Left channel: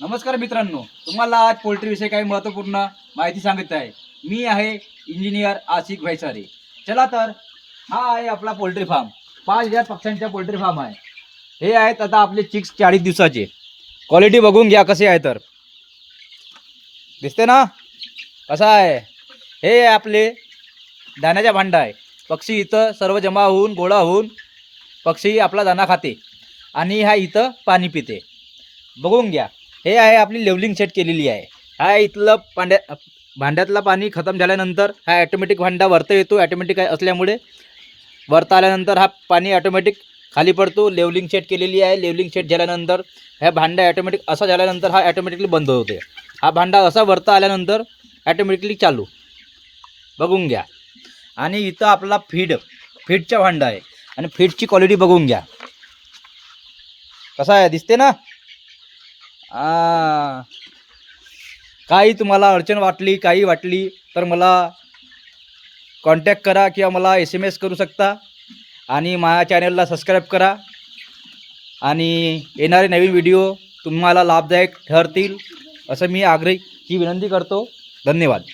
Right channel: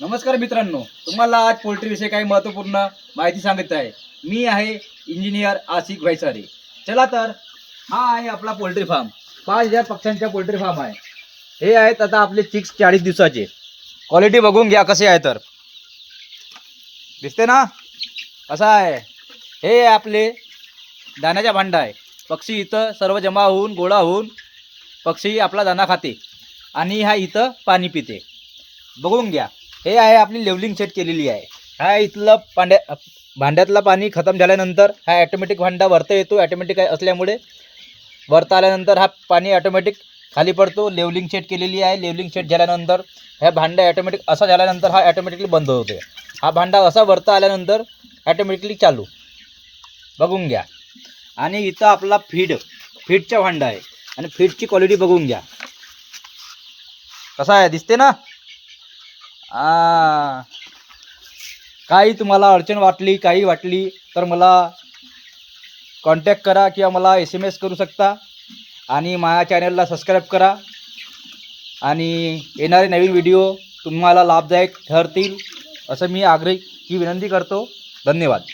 नमस्कार मित्रांनो, तुम्हाला आज पोल्ट्रीविषयी काही महत्त्वपूर्ण माहिती सांगत आहे. मी आहे इंजिनियर आसिक भैसारे. चला तर, हा आहे आपला पोल्ट्री फार्म. 5000 पक्ष्यांचा पोल्ट्री फार्म आहे. हे आहेत आता आपले चिक्स 40 दिवसाचे. क्वालिटी बघून घ्या कसे आहे तर. दिसते ना कसा आहे. हे आपले दाण्याचा भांडा आहे. पक्षी इथं सर्व जमा होऊन गोळा होऊन पक्षी आपला दाना खाते आणि हा इथं पाणी पिते. बघून घ्या. हे आहे आपली लेवलिंग सेट केलेली आहे. हा इथलं भांड्यातलं पाणी खतम झाल्यानंतर हा ॲटोमॅटिक भांडा वरता येतो. ॲटोमॅटिक असल्यामुळे वरता आल्यानंतर हा पाणी ॲटोमॅटिक खाली पडतो. लेवलिंग सेट केलेली आहे. लेवलिंग सेट झाल्यानंतर ह्या भांडा ॲटोमॅटिक असा झाल्यानंतर हा ॲटोमॅटिकली बंद होते. हा भांडा असा वरता आल्यानंतर ॲटोमॅटिकली चालू. बघून घ्या. आणि इथं आपला फीडचा भांडा आहे आणि फीडची क्वालिटी बघून घ्या कसा आहे. दिसते ना. काही तुम्हाला अडचण वाटली काही वाटली तर मला कॉन्टॅक्ट करा किंवा मला SMS करू शकता. आणि माझ्या चॅनलला सबस्क्राईब करा आणि येणारे नवीन व्हिडिओ तुम्हाला लाभदायक ठरतील असं मी आग्रही विनंती करतो. धन्यवाद.